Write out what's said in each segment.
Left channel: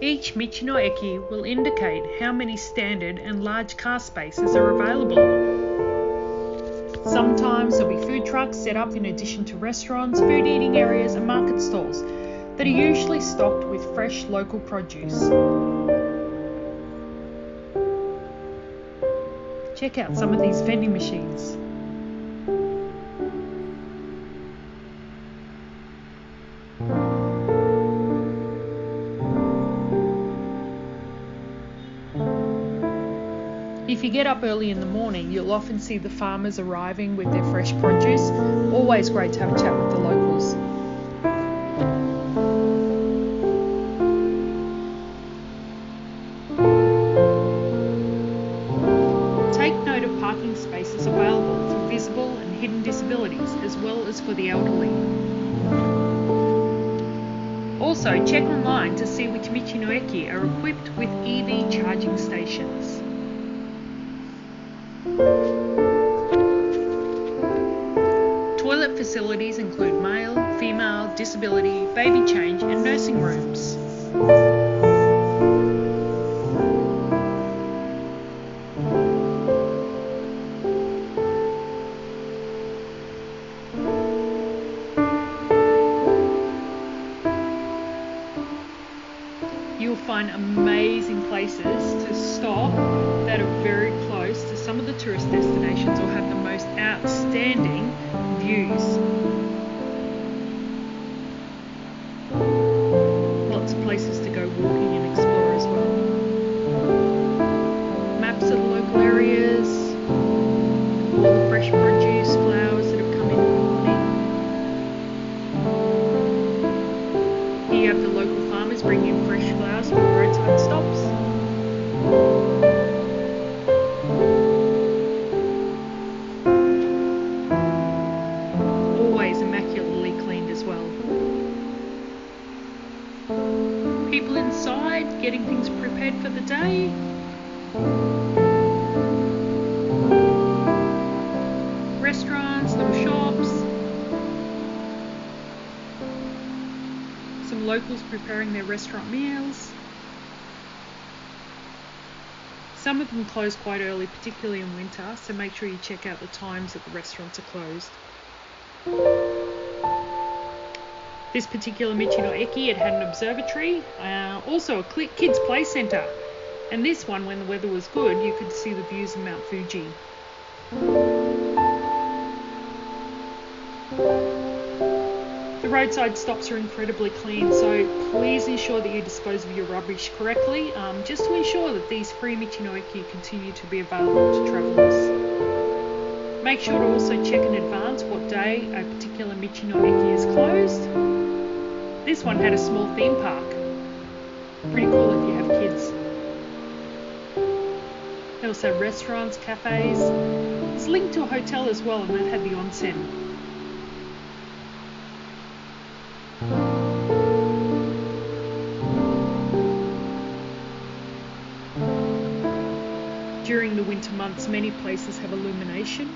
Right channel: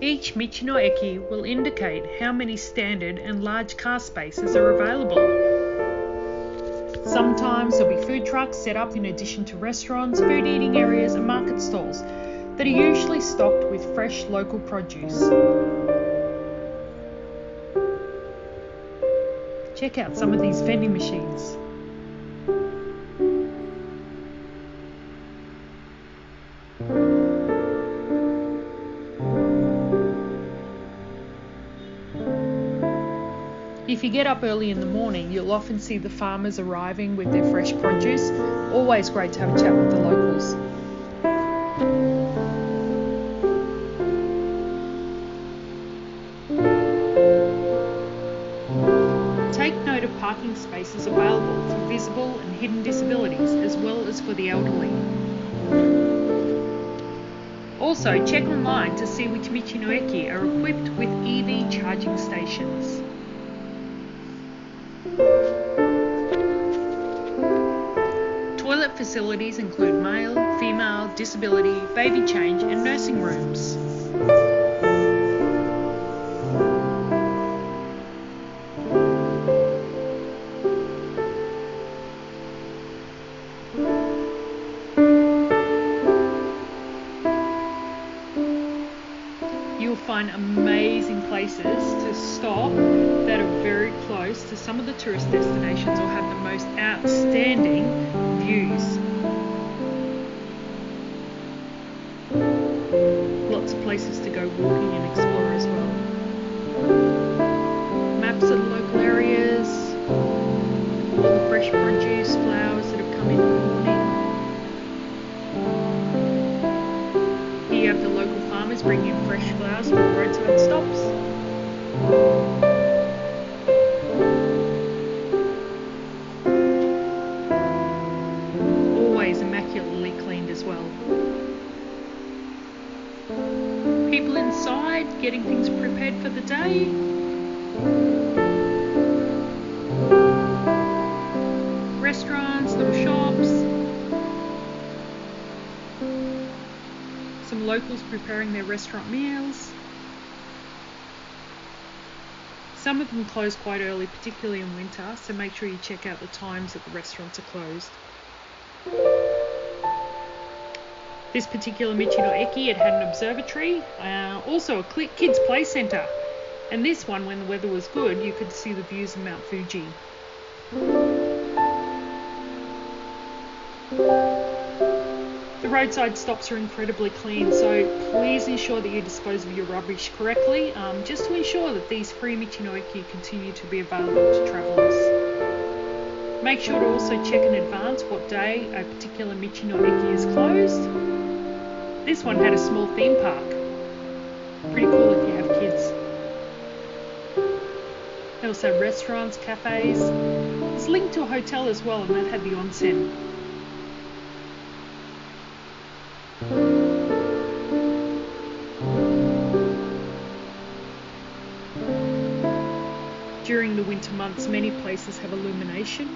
Each michi no eki will indicate how many standard and large car spaces are available. Sometimes there'll be food trucks set up in addition to restaurants, food eating areas and market stalls that are usually stocked with fresh local produce. Check out some of these vending machines. If you get up early in the morning, you'll often see the farmers arriving with their fresh produce. Always great to have a chat with the locals. Take note of parking spaces available for visible and hidden disabilities, as well as for the elderly. Also, check online to see which michi no eki are equipped with EV charging stations. Toilet facilities include male, female, disability, baby change and nursing rooms. You'll find amazing places to stop that are very close to some of the tourist destinations or have the most outstanding views. Lots of places to go walking and explore as well. Maps of the local areas, all the fresh produce, flowers that have come in the morning. Here you have the local farmers bringing in fresh flowers for the roadside stops. Always immaculately cleaned as well. People inside getting things prepared for the day. Restaurants, little shops. Some locals preparing their restaurant meals. Some of them close quite early, particularly in winter, so make sure you check out the times that the restaurants are closed. This particular michi no eki, it had an observatory, also a kids play centre, and this one, when the weather was good, you could see the views of Mount Fuji. The roadside stops are incredibly clean, so please ensure that you dispose of your rubbish correctly, just to ensure that these free michi no eki continue to be available to travellers. Make sure to also check in advance what day a particular michi no eki is closed. This one had a small theme park. Pretty cool if you have kids. They also have restaurants, cafes. It's linked to a hotel as well, and that had the onsen. During the winter months, many places have illumination,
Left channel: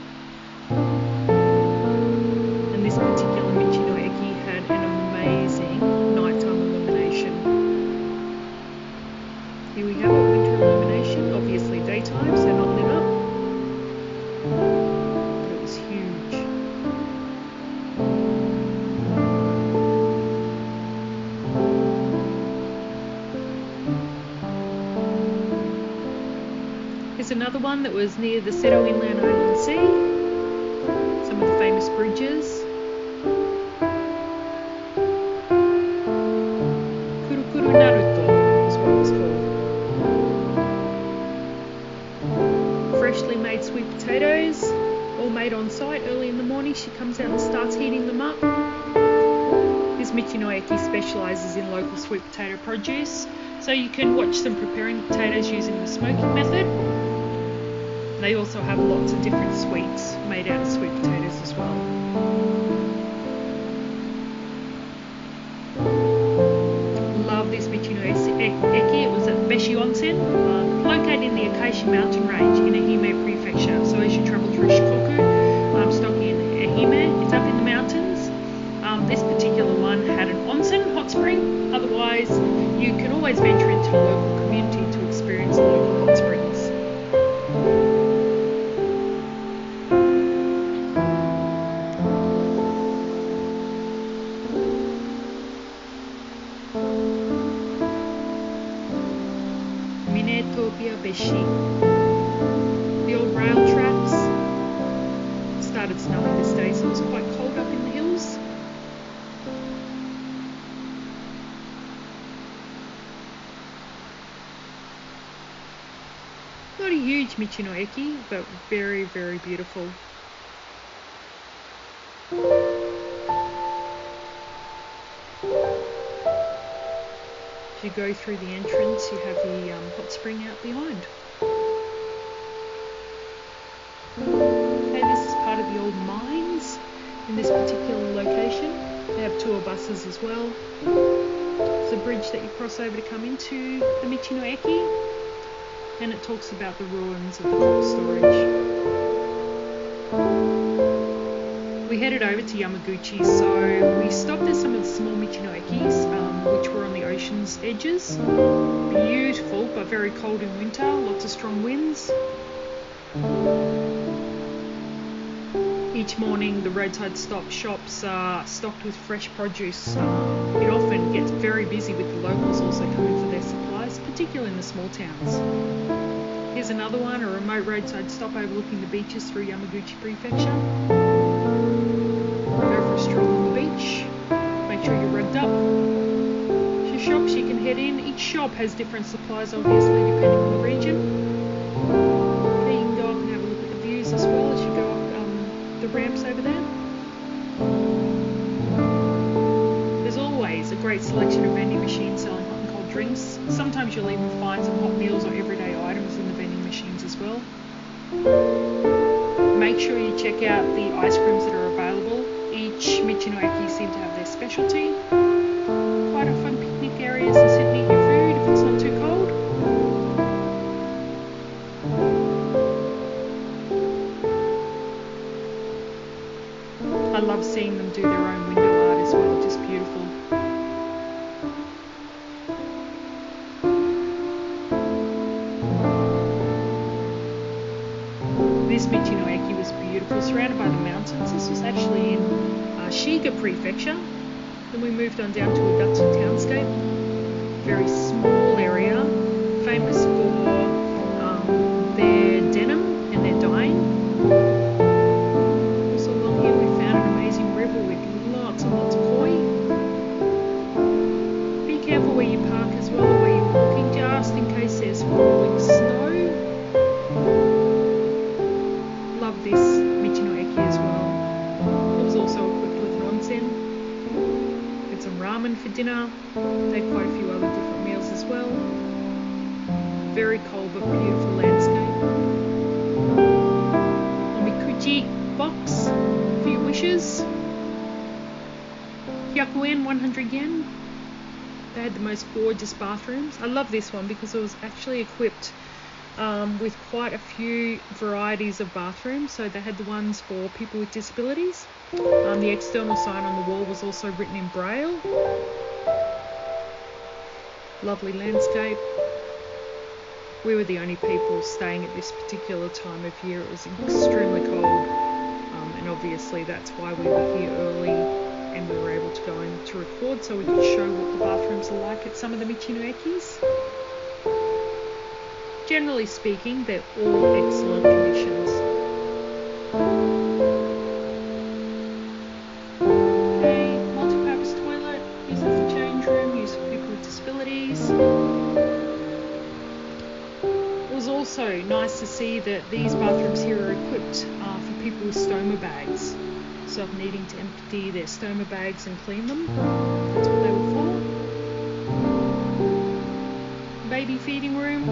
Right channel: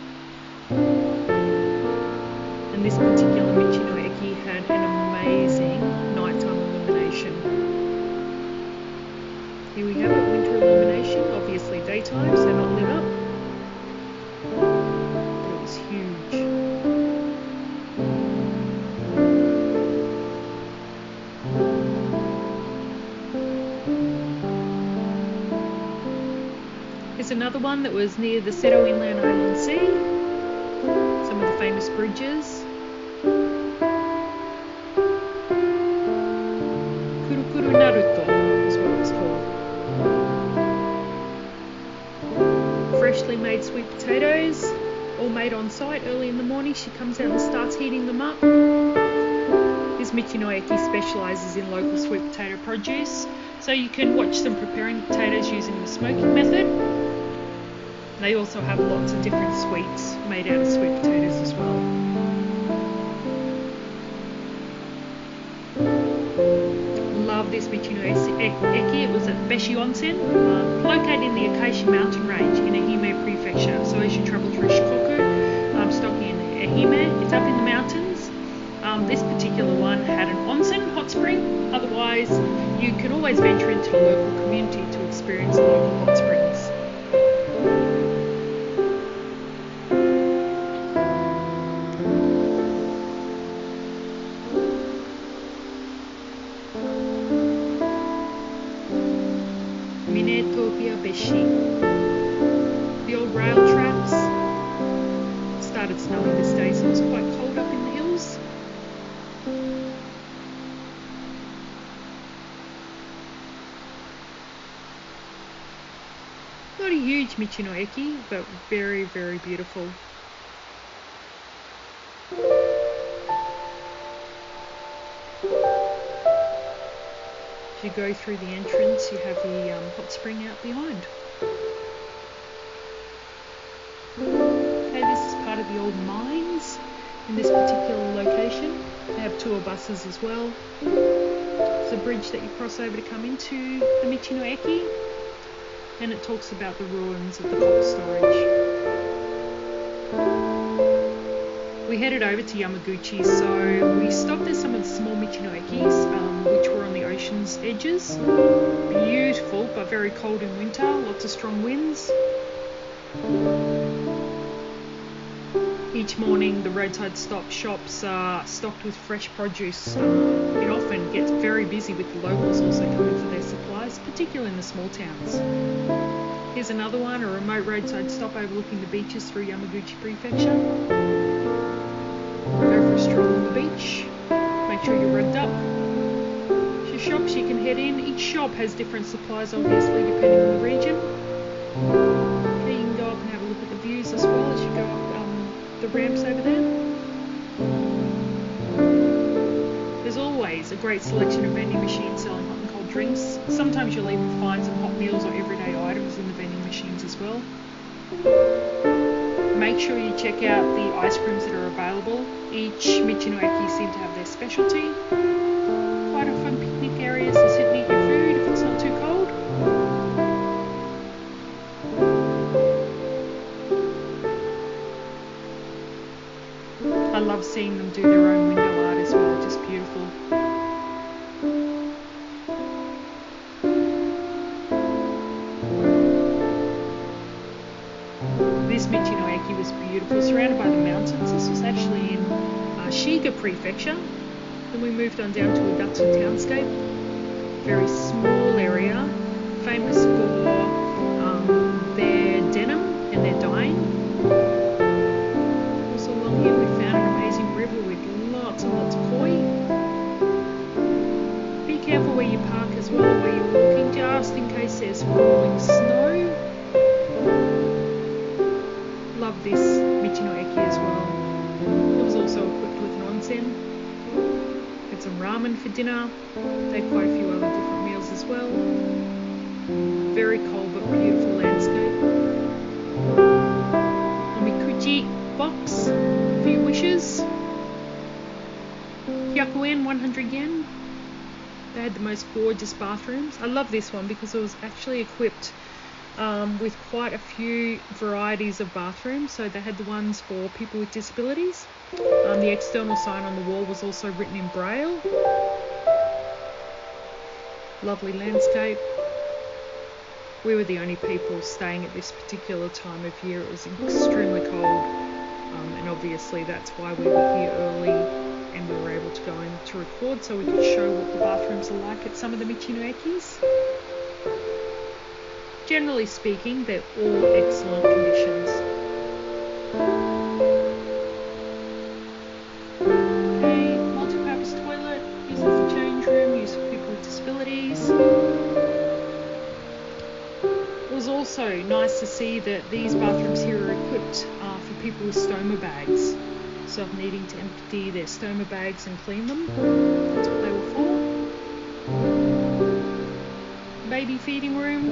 and this particular michi no eki had an amazing nighttime illumination. Here we have it, winter illumination, obviously daytime, so not lit up, but it was huge. Here's another one that was near the Seto Inland Island Sea. Some of the famous bridges. Kurukuru Naruto is what it was called. Freshly made sweet potatoes, all made on site early in the morning. She comes out and starts heating them up. This michi no eki specialises in local sweet potato produce, so you can watch them preparing potatoes using the smoking method. They also have lots of different sweets made out of sweet potatoes as well. Love this michi no eki. It was at Beshi Onsen, located in the Acacia mountain range in Ehime Prefecture. So as you travel through Shikoku, stopping in Hime. It's up in the mountains. This particular one had an onsen hot spring. Otherwise, you can always venture into the local community to experience the local hot springs. Minetopia Beshi. The old rail tracks. It started snowing this day, so it was quite cold up in the hills. Not a huge Michi no Eki, but very, very beautiful. As you go through the entrance, you have the hot spring out behind. Okay, this is part of the old mines in this particular location. They have tour buses as well. It's a bridge that you cross over to come into the Michi no Eki, and it talks about the ruins of the copper storage. We headed over to Yamaguchi, so we stopped at some of the small Michi no Ekis, which were on the ocean's edges. Beautiful, but very cold in winter, lots of strong winds. Each morning the roadside stop shops are stocked with fresh produce. It often gets very busy with the locals also coming for their supplies, particularly in the small towns. Here's another one, a remote roadside stop overlooking the beaches through Yamaguchi Prefecture. Go for a stroll on the beach, make sure you're rugged up. There's shops you can head in. Each shop has different supplies obviously depending on the region. Okay, you can go up and have a look at the views as well as you go up the ramps over there. There's always a great selection of vending machines selling hot and cold drinks. Sometimes you'll even find some hot meals or everyday items in the vending machines as well. Make sure you check out the ice creams that are available. Each Michi no Eki seem to have their specialty. Quite a fun picnic areas to sit and eat your food if it's not too cold. I love seeing them do their own window art as well, just beautiful. This Michi no Eki was beautiful, surrounded by the mountains. This was actually in Shiga Prefecture. Then we moved on down to Udatsu Townscape. Very small area, famous for their denim and their dyeing. Also along here we found an amazing river with lots and lots of koi. Be careful where you park as well or where you're walking, just in case there's falling snow. Love this Michi no Eki as well. It was also equipped with an onsen. Had some ramen for dinner. They had quite a few other different meals as well. Very cold but beautiful landscape. Omikuji box, a few wishes. Hyakuen, 100 yen. They had the most gorgeous bathrooms. I love this one because it was actually equipped with quite a few varieties of bathrooms. So they had the ones for people with disabilities. The external sign on the wall was also written in Braille. Lovely landscape. We were the only people staying at this particular time of year. It was extremely cold, and obviously that's why we were here early and we were able to go in to record so we could show what the bathrooms are like at some of the Michi no Ekis. Generally speaking, they're all excellent conditions. Okay, multi-purpose toilet, used for change room, used for people with disabilities. It was also nice to see that these bathrooms here are equipped for people with stoma bags. So needing to empty their stoma bags and clean them, that's what they were for. Baby feeding room.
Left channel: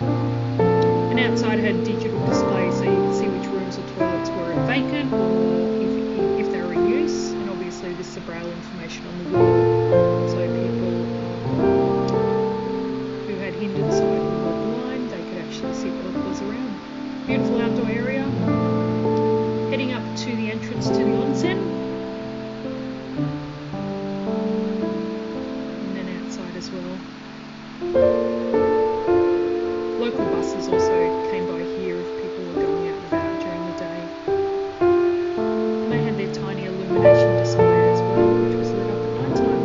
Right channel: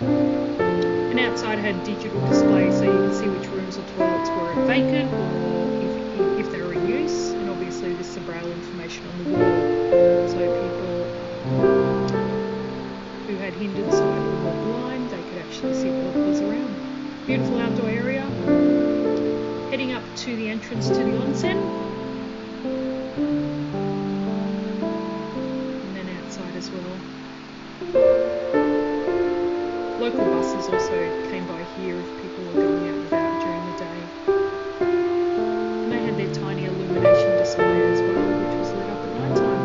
And outside had digital displays so you can see which rooms or toilets were vacant or if they were in use. And obviously this is the Braille information on the wall. So people who had hindered sight or were blind, they could actually see what was around. Beautiful outdoor area. Heading up to the entrance to the onsen. And then outside as well. Local buses also came by here if people were going out and about during the day. And they had their tiny illumination display as well, which was lit up at night time.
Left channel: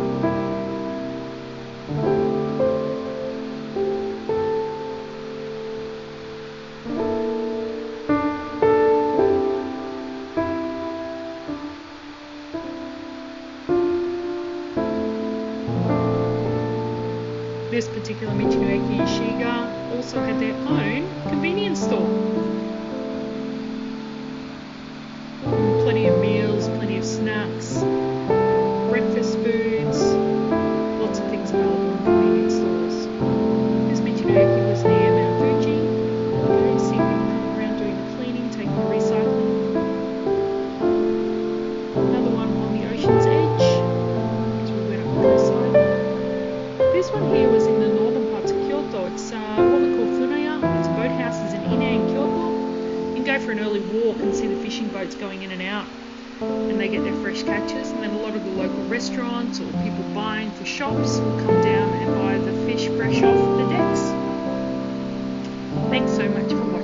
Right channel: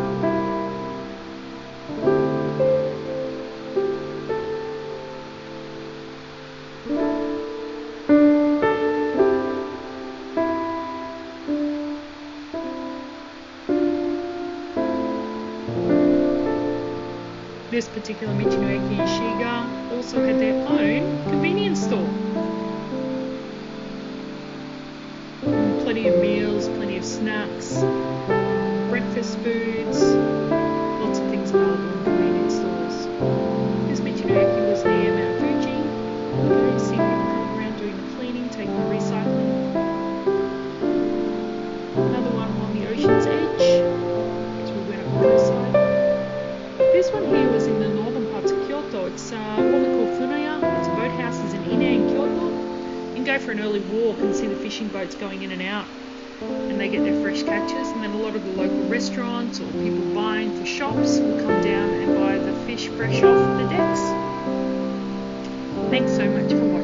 This particular Michi in Shiga also had their own convenience store. Plenty of meals, plenty of snacks, breakfast foods, lots of things available in convenience stores. This Michi was near Mount Fuji. You can see people coming around doing the cleaning, taking the recycling. Another one on the ocean's edge, as we went up roadside. This one here was in the northern parts of Kyoto. It's what we call Funaya. It's boathouses in Ine in Kyoto. You can go for an early walk and see the fishing boats going in and out. And they get their fresh catches. And then a lot of the local restaurants or people buying for shops will come down and buy the fish fresh off the decks. Thanks so much for watching.